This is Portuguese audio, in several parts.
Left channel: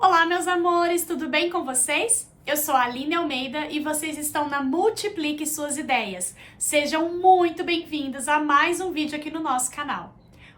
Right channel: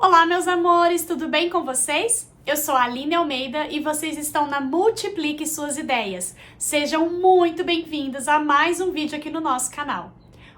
Olá, meus amores, tudo bem com vocês? Eu sou a Aline Almeida e vocês estão na Multiplique Suas Ideias. Sejam muito bem-vindos a mais um vídeo aqui no nosso canal.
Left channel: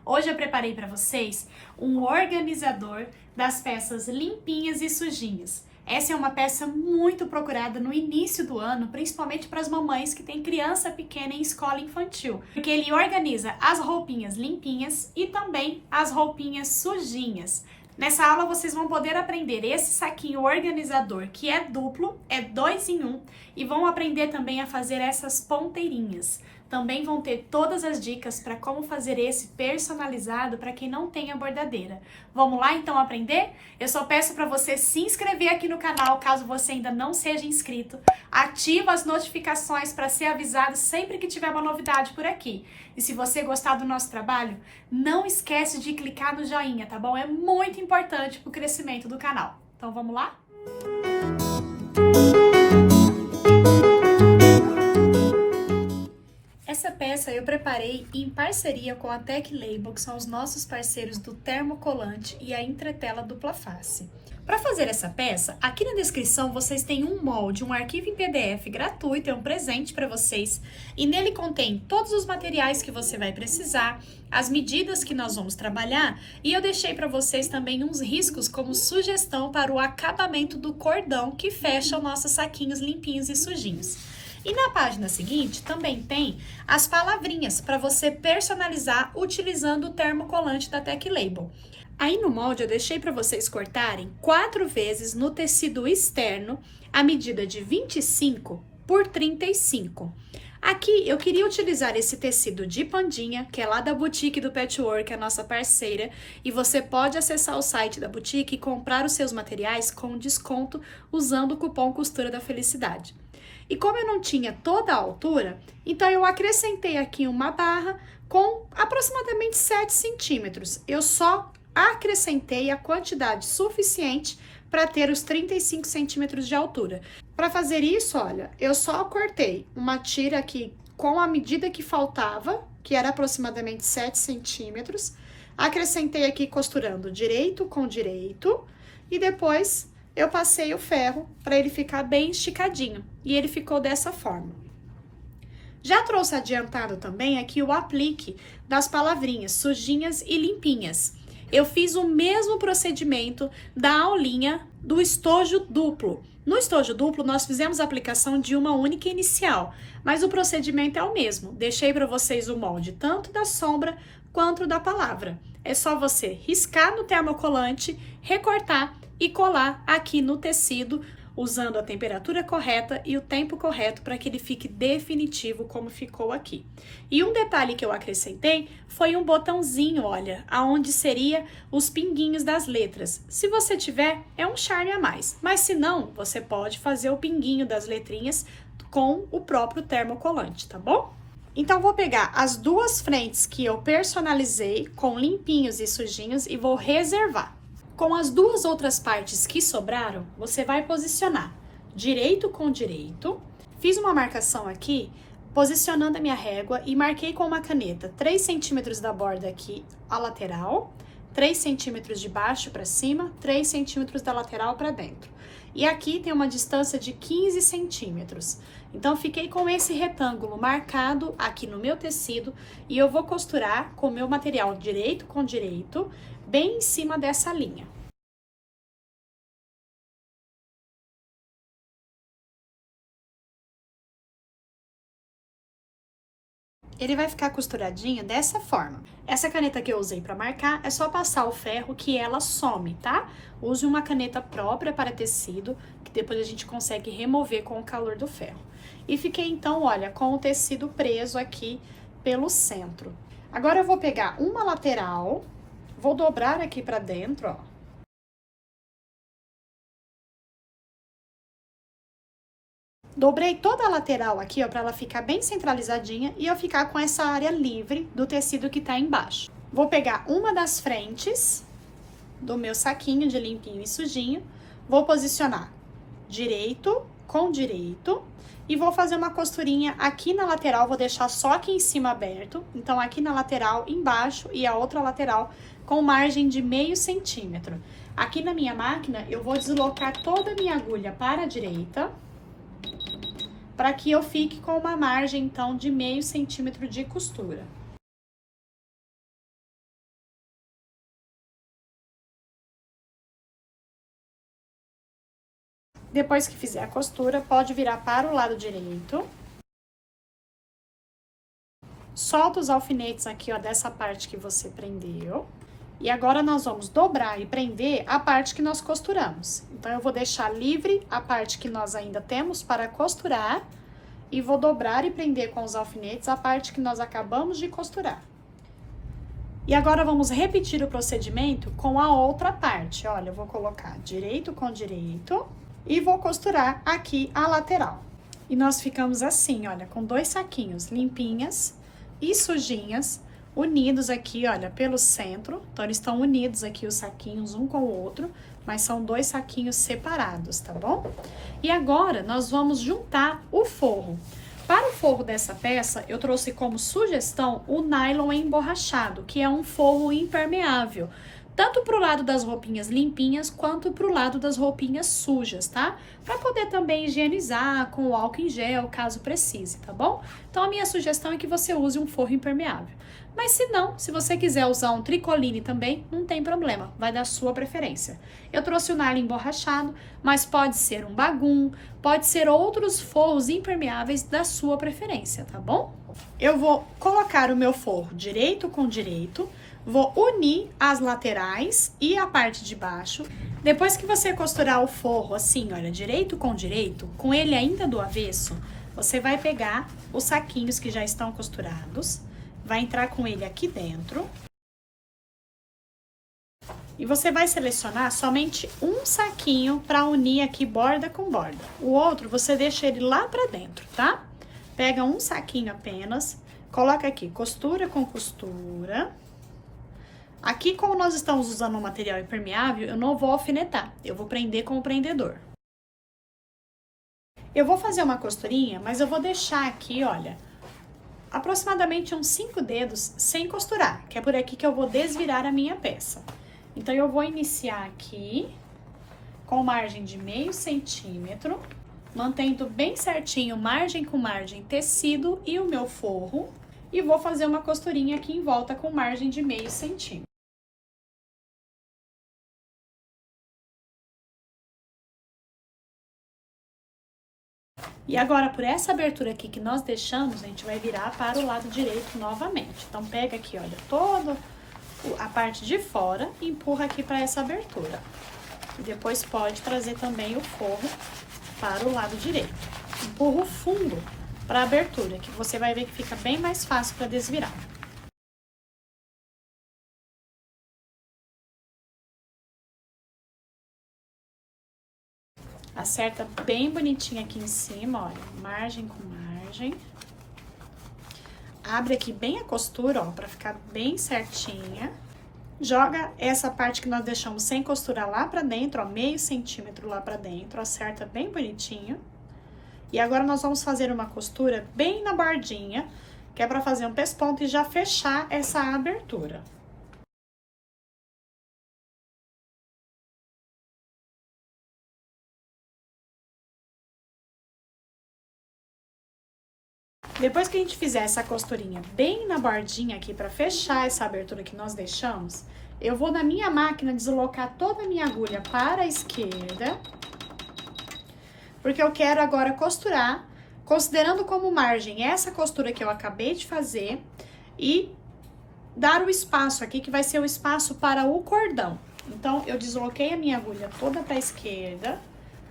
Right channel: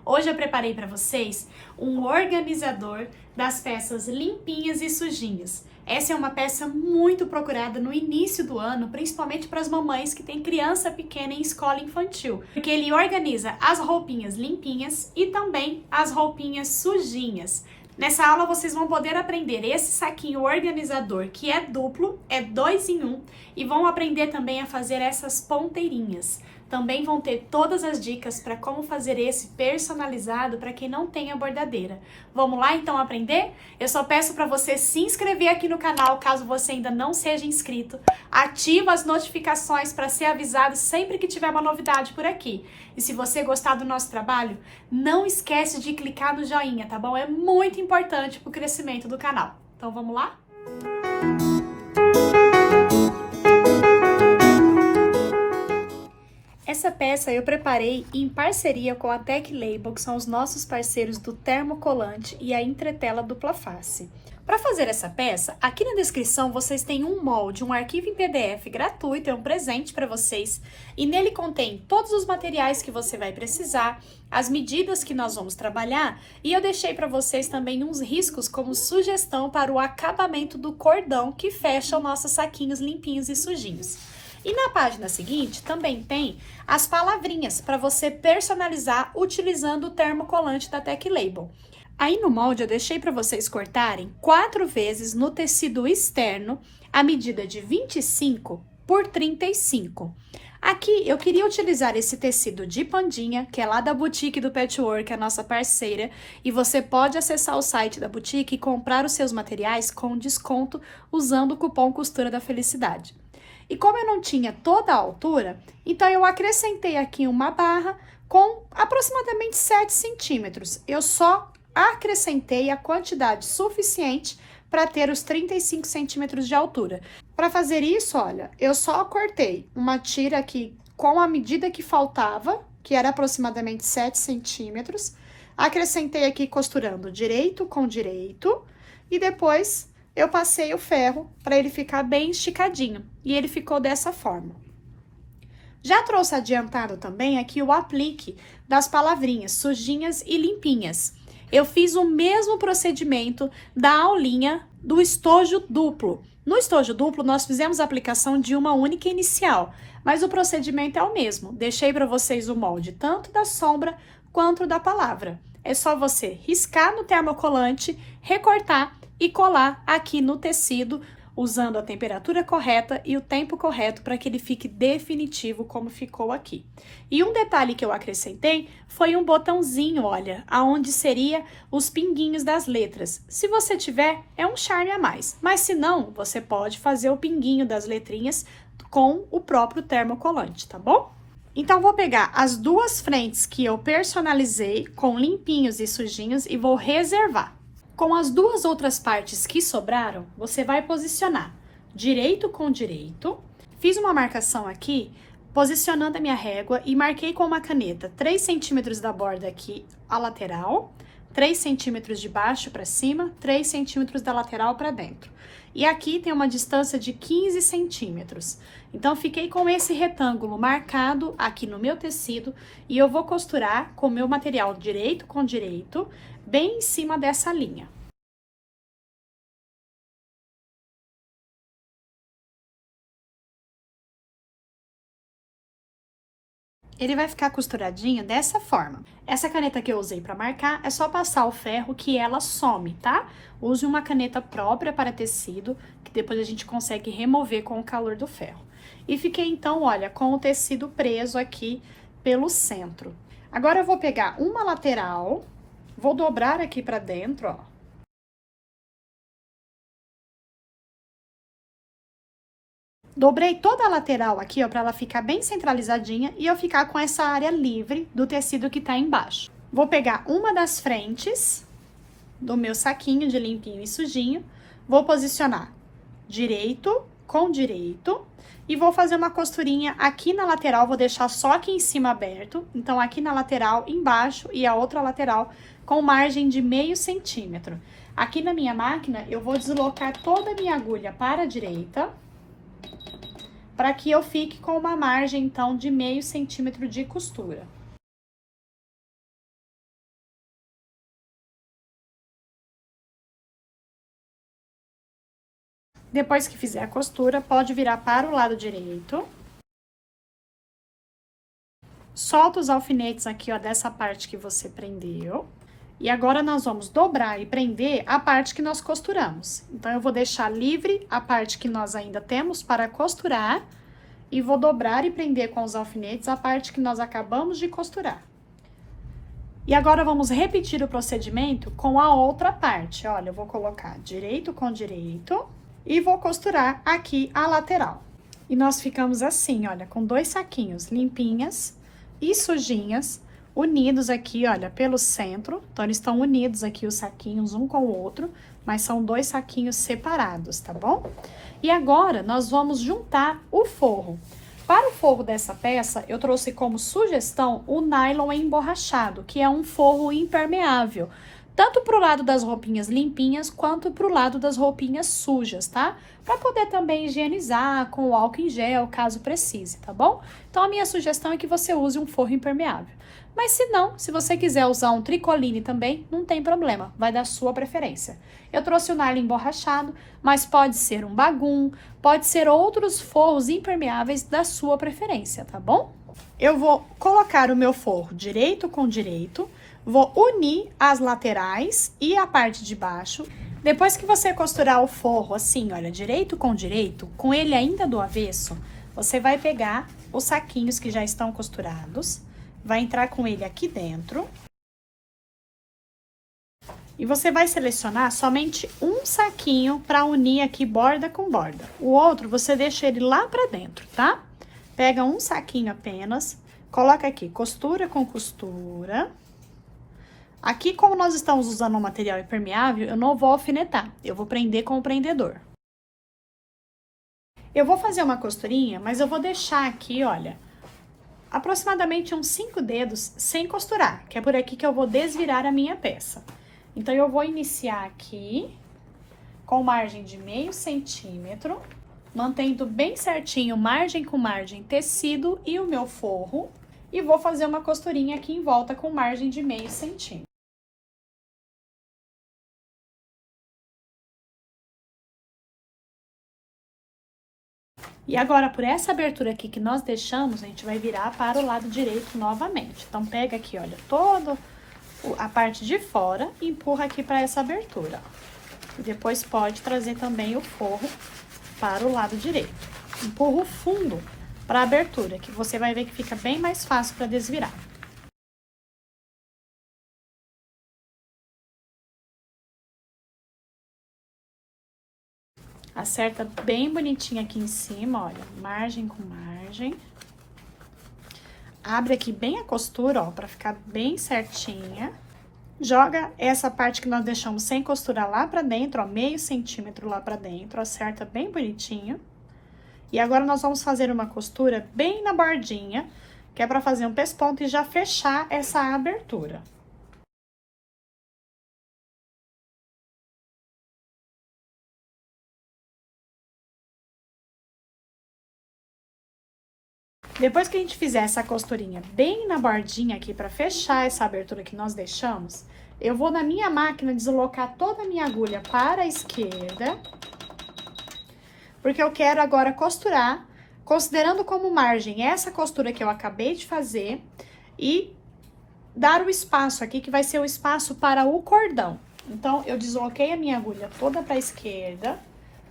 Hoje eu preparei para vocês um organizador das peças limpinhas e sujinhas. Essa é uma peça muito procurada no início do ano, principalmente para as mamães que têm criança pequena em escola infantil, porque ele organiza as roupinhas limpinhas e também as roupinhas sujinhas. Nessa aula vocês vão poder aprender esse saquinho organizador que é duplo, é 2 em 1, e vão aprender também a fazer essas ponteirinhas. Também vão ter todas as dicas para como fazer esse personalizado para quem não tem a bordadeira. Vamos lá então aprender? Eu só peço para você se inscrever aqui no canal caso você ainda não seja inscrito. Ativa as notificações para ser avisado sempre que tiver uma novidade por aqui. E se você gostar do nosso trabalho, não esquece de clicar no joinha, tá bom? É muito importante para o crescimento do canal. Então vamos lá? Essa peça eu preparei em parceria com a Tech Label, que são os nossos parceiros do termocolante e a entretela dupla face. Para fazer essa peça, aqui na descrição vocês têm um molde, um arquivo em PDF gratuito, é um presente para vocês, e nele contém todos os materiais que você vai precisar, as medidas que nós vamos trabalhar, e eu deixei para vocês também uns riscos como sugestão para o acabamento do cordão que fecha os nossos saquinhos limpinhos e sujinhos. E na página seguinte também tem as palavrinhas para você personalizar utilizando o termocolante da Tech Label. Aí no molde eu deixei para vocês cortarem 4 vezes no tecido externo a medida de 25 por 35. Aqui eu queria utilizar esse tecido de pandinha, que é lá da Boutique do Patchwork, a nossa parceira, e você pode acessar o site da Boutique e comprar os seus materiais com desconto usando o cupom Costura da Felicidade. E como eu não tinha toda a altura, então eu acrescentei aqui uma barra com aproximadamente 7 centímetros. Eu só acrescentei a quantidade suficiente para ter os 35 centímetros de altura. Para fazer isso, olha, eu só cortei uma tira aqui com a medida que faltava, que era aproximadamente 7 centímetros. Acrescentei aqui costurando direito com direito e depois eu passei o ferro para ele ficar bem esticadinho e ele ficou dessa forma. Já trouxe adiantado também aqui o aplique das palavrinhas sujinhas e limpinhas. Eu fiz o mesmo procedimento da aulinha do estojo duplo. No estojo duplo nós fizemos a aplicação de uma única inicial, mas o procedimento é o mesmo. Deixei para vocês o molde tanto da sombra quanto da palavra. É só você riscar no termocolante, recortar e colar aqui no tecido, usando a temperatura correta e o tempo correto para que ele fique definitivo como ficou aqui. E um detalhe que eu acrescentei foi um botãozinho, olha, aonde seria os pinguinhos das letras. Se você tiver, é um charme a mais, mas se não, você pode fazer o pinguinho das letrinhas com o próprio termocolante, tá bom? Então, vou pegar as duas frentes que eu personalizei com limpinhos e sujinhos e vou reservar. Com as duas outras partes que sobraram, você vai posicionar direito com direito. Fiz uma marcação aqui, posicionando a minha régua e marquei com uma caneta 3 centímetros da borda aqui, a lateral, 3 centímetros de baixo para cima, 3 centímetros da lateral para dentro. E aqui tem uma distância de 15 centímetros. Então, fiquei com esse retângulo marcado aqui no meu tecido e eu vou costurar com o meu material direito com direito, bem em cima dessa linha. Ele vai ficar costuradinho dessa forma. Essa caneta que eu usei para marcar, é só passar o ferro que ela some, tá? Use uma caneta própria para tecido, que depois a gente consegue remover com o calor do ferro. E fiquei então, olha, com o tecido preso aqui pelo centro. Agora eu vou pegar uma lateral, vou dobrar aqui para dentro, ó. Dobrei toda a lateral aqui, ó, para ela ficar bem centralizadinha e eu ficar com essa área livre do tecido que tá embaixo. Vou pegar uma das frentes do meu saquinho de limpinho e sujinho, vou posicionar direito com direito e vou fazer uma costurinha aqui na lateral, vou deixar só aqui em cima aberto, então aqui na lateral embaixo e a outra lateral com margem de meio centímetro. Aqui na minha máquina, eu vou deslocar toda a minha agulha para a direita, para que eu fique com uma margem, então, de meio centímetro de costura. Depois que fizer a costura, pode virar para o lado direito. Solta os alfinetes aqui, ó, dessa parte que você prendeu. E agora, nós vamos dobrar e prender a parte que nós costuramos. Então, eu vou deixar livre a parte que nós ainda temos para costurar. E vou dobrar e prender com os alfinetes a parte que nós acabamos de costurar. E agora, vamos repetir o procedimento com a outra parte. Olha, eu vou colocar direito com direito e vou costurar aqui a lateral. E nós ficamos assim, olha, com 2 saquinhos limpinhas e sujinhas, unidos aqui, olha, pelo centro. Então, eles estão unidos aqui os saquinhos um com o outro, mas são 2 saquinhos separados, tá bom? E agora, nós vamos juntar o forro. Para o forro dessa peça, eu trouxe como sugestão o nylon emborrachado, que é um forro impermeável, tanto pro lado das roupinhas limpinhas, quanto pro lado das roupinhas sujas, tá? Pra poder também higienizar com o álcool em gel, caso precise, tá bom? Então, a minha sugestão é que você use um forro impermeável. Mas se não, se você quiser usar um tricoline também, não tem problema, vai da sua preferência. Eu trouxe o nylon emborrachado, mas pode ser um bagum, pode ser outros forros impermeáveis da sua preferência, tá bom? Eu vou colocar o meu forro direito com direito, vou unir as laterais e a parte de baixo. Depois que você costurar o forro assim, olha, direito, com ele ainda do avesso, você vai pegar os saquinhos que já estão costurados, vai entrar com ele aqui dentro. E você vai selecionar somente um saquinho para unir aqui borda com borda. O outro, você deixa ele lá pra dentro, tá? Pega um saquinho apenas, coloca aqui costura com costura. Aqui, como nós estamos usando um material impermeável, eu não vou alfinetar, eu vou prender com o prendedor. Eu vou fazer uma costurinha, mas eu vou deixar aqui, olha, aproximadamente uns 5 dedos sem costurar, que é por aqui que eu vou desvirar a minha peça. Então, eu vou iniciar aqui com margem de meio centímetro, mantendo bem certinho margem com margem tecido e o meu forro, e vou fazer uma costurinha aqui em volta com margem de meio centímetro. E agora, por essa abertura aqui que nós deixamos, a gente vai virar para o lado direito novamente. Então, pega aqui, olha, toda a parte de fora e empurra aqui para essa abertura. E depois pode trazer também o forro para o lado direito. Empurra o fundo para a abertura, que você vai ver que fica bem mais fácil para desvirar. Acerta bem bonitinho aqui em cima, olha, margem com margem. Abre aqui bem a costura, ó, pra ficar bem certinha. Joga essa parte que nós deixamos sem costurar lá pra dentro, ó, meio centímetro lá pra dentro, acerta bem bonitinho. E agora, nós vamos fazer uma costura bem na bordinha, que é pra fazer um pesponto e já fechar essa abertura. Depois que a gente fizer essa costurinha bem na bordinha aqui para fechar essa abertura que nós deixamos, eu vou na minha máquina deslocar toda a minha agulha para a esquerda, porque eu quero agora costurar, considerando como margem essa costura que eu acabei de fazer e dar o espaço aqui, que vai ser o espaço para o cordão. Então, eu desloquei a minha agulha toda para a esquerda,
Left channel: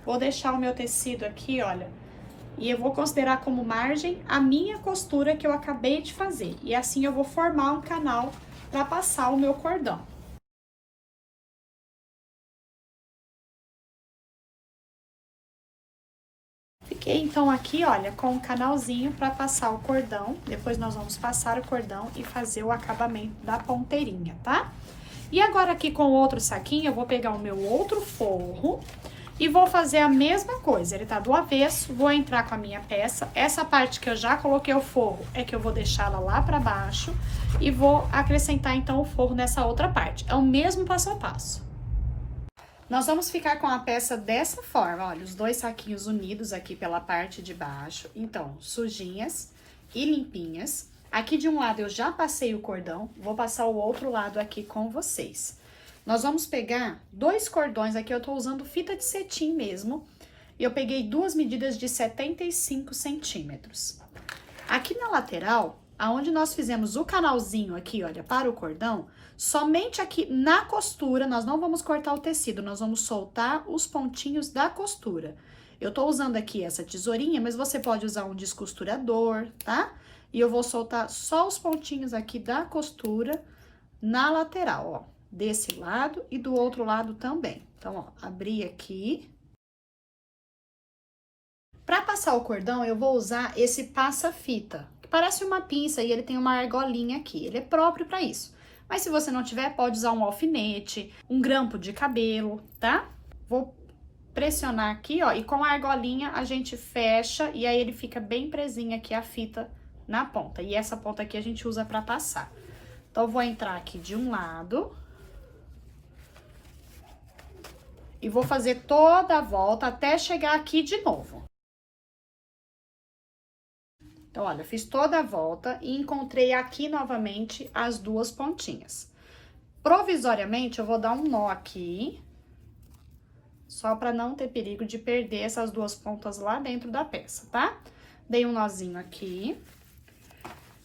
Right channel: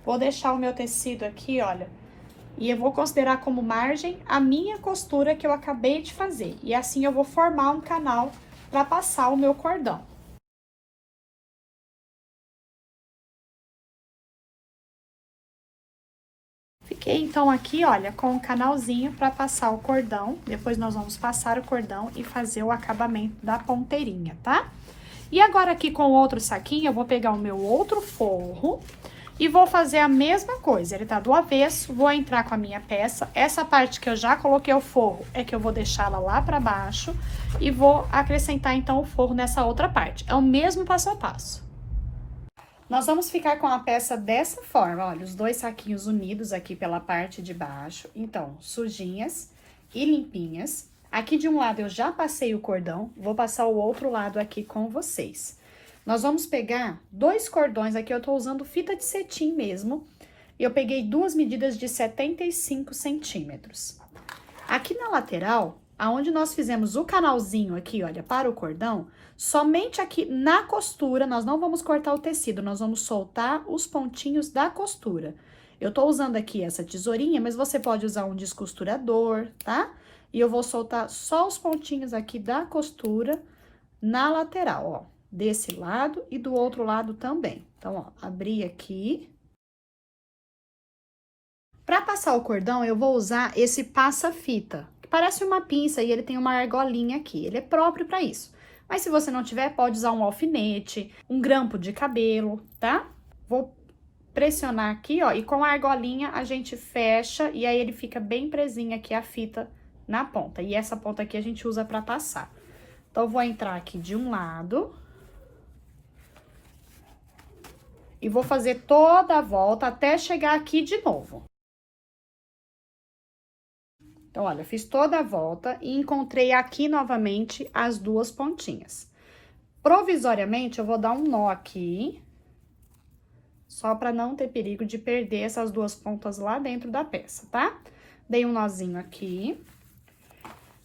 vou deixar o meu tecido aqui, olha, e eu vou considerar como margem a minha costura que eu acabei de fazer. E assim eu vou formar um canal para passar o meu cordão. Fiquei, então, aqui, olha, com um canalzinho para passar o cordão. Depois, nós vamos passar o cordão e fazer o acabamento da ponteirinha, tá? E agora, aqui com o outro saquinho, eu vou pegar o meu outro forro E vou fazer a mesma coisa, ele tá do avesso, vou entrar com a minha peça. Essa parte que eu já coloquei o forro é que eu vou deixá-la lá pra baixo e vou acrescentar então o forro nessa outra parte. É o mesmo passo a passo. Nós vamos ficar com a peça dessa forma, olha, os dois saquinhos unidos aqui pela parte de baixo. Então, sujinhas e limpinhas. Aqui de um lado eu já passei o cordão, vou passar o outro lado aqui com vocês. Nós vamos pegar 2 cordões, aqui eu tô usando fita de cetim mesmo, e eu peguei 2 medidas de 75 centímetros. Aqui na lateral, aonde nós fizemos o canalzinho aqui, olha, para o cordão, somente aqui na costura, nós não vamos cortar o tecido, nós vamos soltar os pontinhos da costura. Eu tô usando aqui essa tesourinha, mas você pode usar um descosturador, tá? E eu vou soltar só os pontinhos aqui da costura na lateral, ó. Desse lado e do outro lado também. Então, ó, abri aqui. Pra passar o cordão, eu vou usar esse passa-fita, que parece uma pinça e ele tem uma argolinha aqui. Ele é próprio pra isso. Mas se você não tiver, pode usar um alfinete, um grampo de cabelo, tá? Vou pressionar aqui, ó, e com a argolinha a gente fecha e aí ele fica bem presinho aqui a fita na ponta. E essa ponta aqui a gente usa pra passar. Então, eu vou entrar aqui de um lado. E vou fazer toda a volta até chegar aqui de novo. Então, olha, eu fiz toda a volta e encontrei aqui novamente as 2 pontinhas. Provisoriamente, eu vou dar um nó aqui, só para não ter perigo de perder essas 2 pontas lá dentro da peça, tá? Dei um nozinho aqui.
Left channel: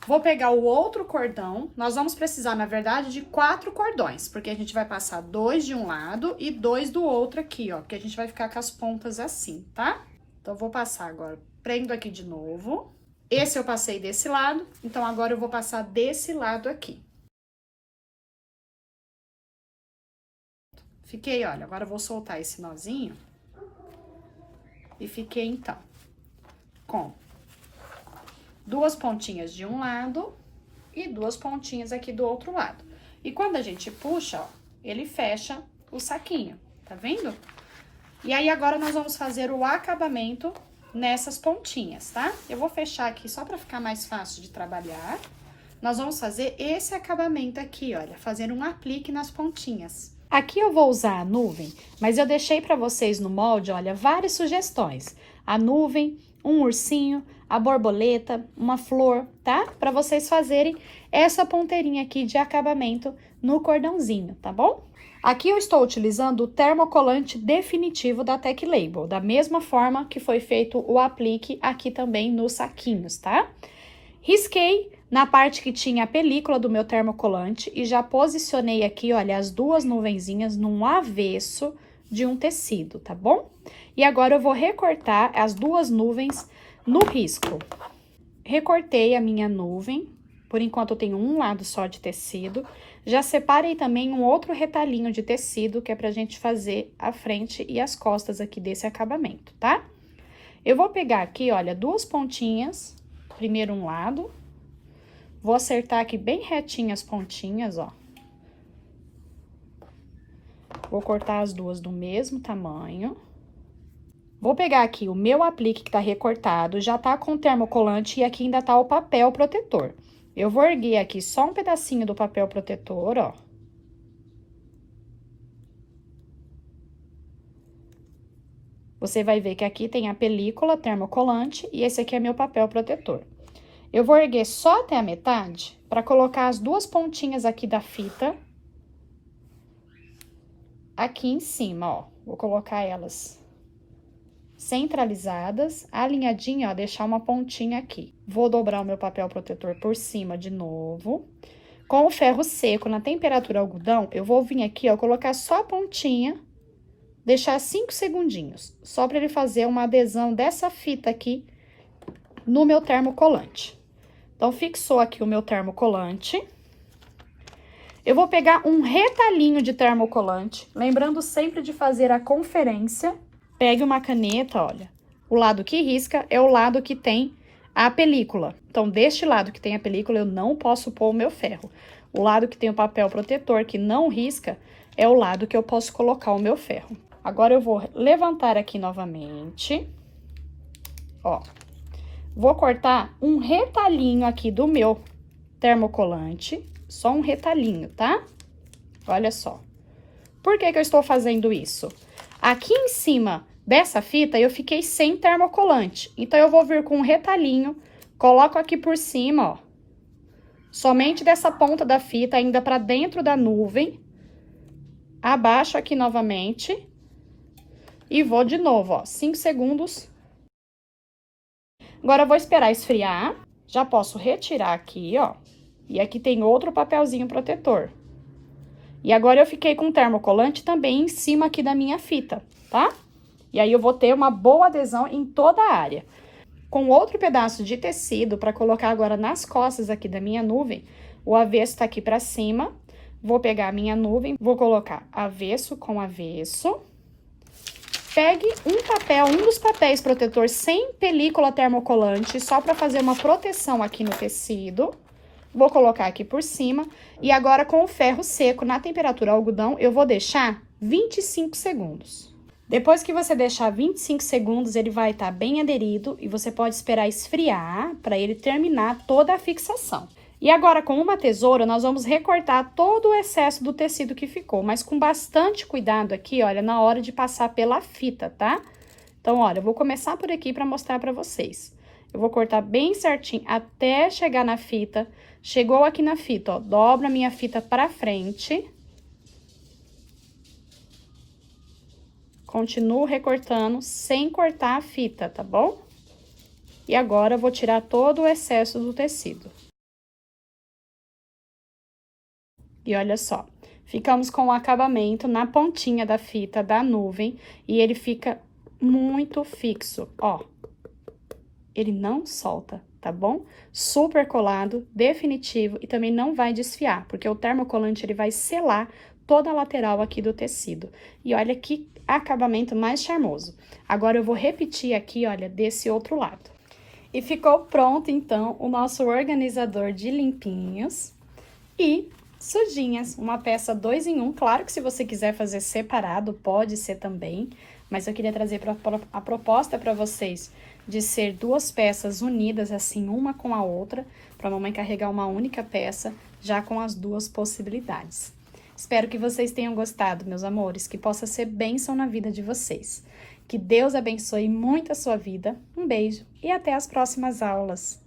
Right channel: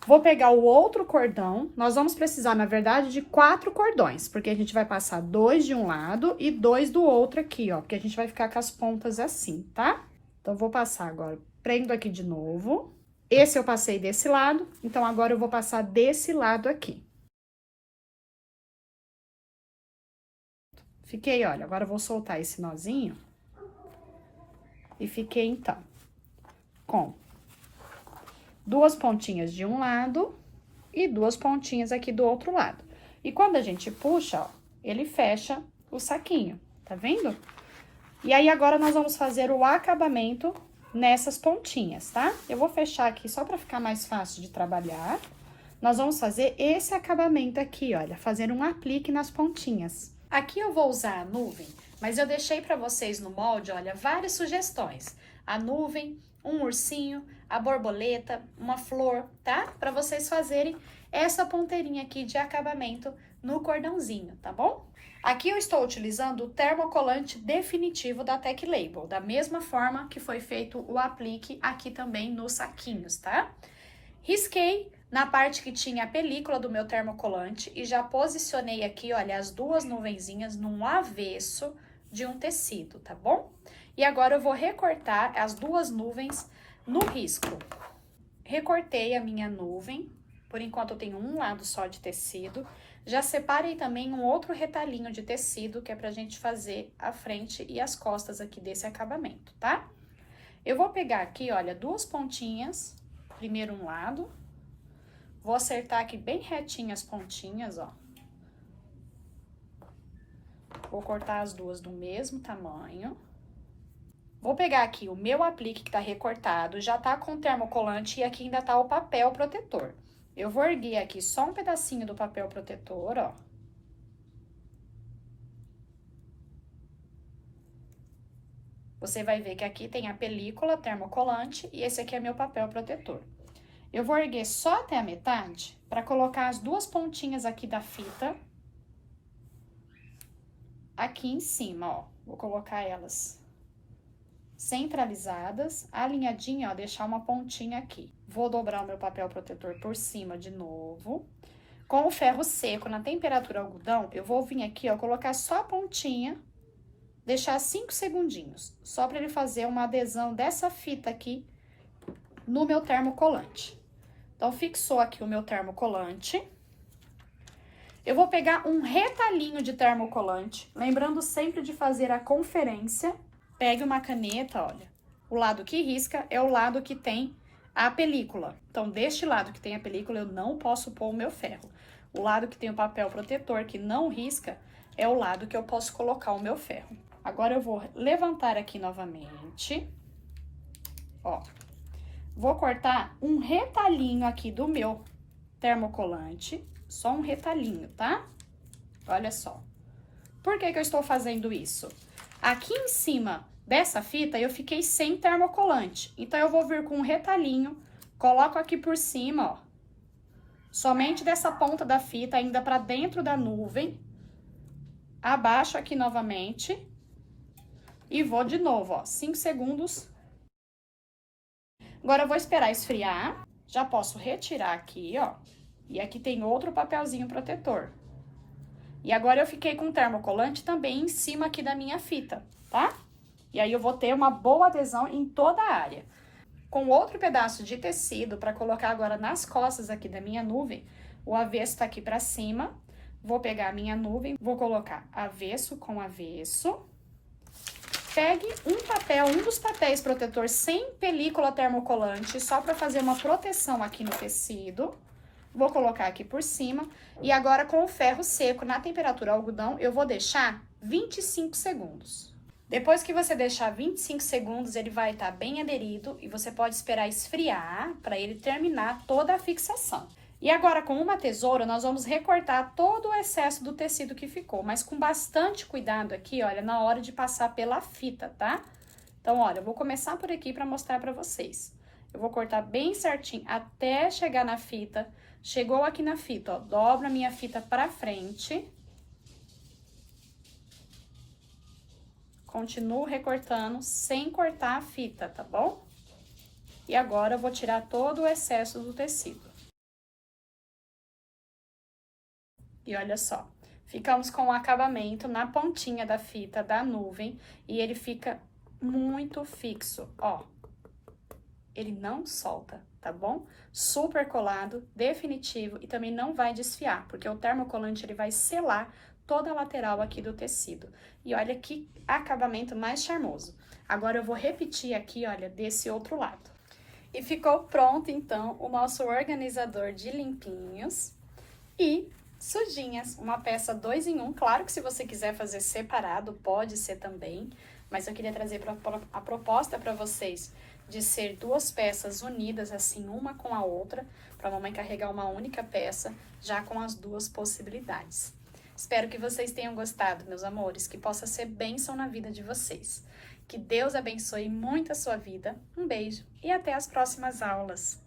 Vou pegar o outro cordão, nós vamos precisar, na verdade, de 4 cordões, porque a gente vai passar 2 de um lado e 2 do outro aqui, ó, porque a gente vai ficar com as pontas assim, tá? Então, eu vou passar agora, prendo aqui de novo. Esse eu passei desse lado, então agora eu vou passar desse lado aqui. Fiquei, olha, agora eu vou soltar esse nozinho. E fiquei, então, com 2 pontinhas de um lado e 2 pontinhas aqui do outro lado. E quando a gente puxa, ó, ele fecha o saquinho, tá vendo? E aí, agora, nós vamos fazer o acabamento nessas pontinhas, tá? Eu vou fechar aqui só pra ficar mais fácil de trabalhar. Nós vamos fazer esse acabamento aqui, olha, fazer um aplique nas pontinhas. Aqui eu vou usar a nuvem, mas eu deixei pra vocês no molde, olha, várias sugestões. A nuvem, um ursinho, a borboleta, uma flor, tá? Pra vocês fazerem essa ponteirinha aqui de acabamento no cordãozinho, tá bom? Aqui eu estou utilizando o termocolante definitivo da Tech Label, da mesma forma que foi feito o aplique aqui também nos saquinhos, tá? Risquei na parte que tinha a película do meu termocolante e já posicionei aqui, olha, as 2 nuvenzinhas num avesso de um tecido, tá bom? E agora eu vou recortar as 2 nuvens no risco. Recortei a minha nuvem, por enquanto eu tenho um lado só de tecido. Já separei também um outro retalhinho de tecido, que é pra gente fazer a frente e as costas aqui desse acabamento, tá? Eu vou pegar aqui, olha, 2 pontinhas, primeiro um lado. Vou acertar aqui bem retinho as pontinhas, ó. Vou cortar as 2 do mesmo tamanho. Vou pegar aqui o meu aplique que tá recortado, já tá com termocolante e aqui ainda tá o papel protetor. Eu vou erguer aqui só um pedacinho do papel protetor, ó. Você vai ver que aqui tem a película termocolante e esse aqui é meu papel protetor. Eu vou erguer só até a metade para colocar as 2 pontinhas aqui da fita aqui em cima, ó. Vou colocar elas centralizadas, alinhadinha, ó, deixar uma pontinha aqui. Vou dobrar o meu papel protetor por cima de novo. Com o ferro seco, na temperatura algodão, eu vou vir aqui, ó, colocar só a pontinha, deixar 5 segundinhos, só para ele fazer uma adesão dessa fita aqui no meu termocolante. Então, fixou aqui o meu termocolante. Eu vou pegar um retalhinho de termocolante, lembrando sempre de fazer a conferência. Pegue uma caneta, olha, o lado que risca é o lado que tem a película. Então, deste lado que tem a película, eu não posso pôr o meu ferro. O lado que tem o papel protetor, que não risca, é o lado que eu posso colocar o meu ferro. Agora eu vou levantar aqui novamente, ó. Vou cortar um retalhinho aqui do meu termocolante, só um retalhinho, tá? Olha só. Por que que eu estou fazendo isso? Aqui em cima dessa fita eu fiquei sem termocolante, então eu vou vir com um retalhinho, coloco aqui por cima, ó. Somente dessa ponta da fita, ainda pra dentro da nuvem. Abaixo aqui novamente. E vou de novo, ó, 5 segundos. Agora, eu vou esperar esfriar. Já posso retirar aqui, ó. E aqui tem outro papelzinho protetor. E agora, eu fiquei com o termocolante também em cima aqui da minha fita, tá? E aí, eu vou ter uma boa adesão em toda a área. Com outro pedaço de tecido, para colocar agora nas costas aqui da minha nuvem, o avesso tá aqui pra cima. Vou pegar a minha nuvem, vou colocar avesso com avesso. Pegue um papel, um dos papéis protetor sem película termocolante, só para fazer uma proteção aqui no tecido. Vou colocar aqui por cima. E agora, com o ferro seco na temperatura algodão, eu vou deixar 25 segundos. Depois que você deixar 25 segundos, ele vai estar bem aderido e você pode esperar esfriar para ele terminar toda a fixação. E agora, com uma tesoura, nós vamos recortar todo o excesso do tecido que ficou, mas com bastante cuidado aqui, olha, na hora de passar pela fita, tá? Então, olha, eu vou começar por aqui para mostrar para vocês. Eu vou cortar bem certinho até chegar na fita. Chegou aqui na fita, ó, dobro a minha fita para frente. Continuo recortando sem cortar a fita, tá bom? E agora, eu vou tirar todo o excesso do tecido. E olha só, ficamos com o acabamento na pontinha da fita da nuvem e ele fica muito fixo, ó. Ele não solta, tá bom? Super colado, definitivo e também não vai desfiar, porque o termocolante ele vai selar toda a lateral aqui do tecido. E olha que acabamento mais charmoso. Agora eu vou repetir aqui, olha, desse outro lado. E ficou pronto, então, o nosso organizador de limpinhos e sujinhas, uma peça 2 em 1, claro que se você quiser fazer separado, pode ser também, mas eu queria trazer a proposta para vocês de ser 2 peças unidas, assim, uma com a outra, para a mamãe carregar uma única peça, já com as 2 possibilidades. Espero que vocês tenham gostado, meus amores, que possa ser bênção na vida de vocês. Que Deus abençoe muito a sua vida, um beijo e até as próximas aulas!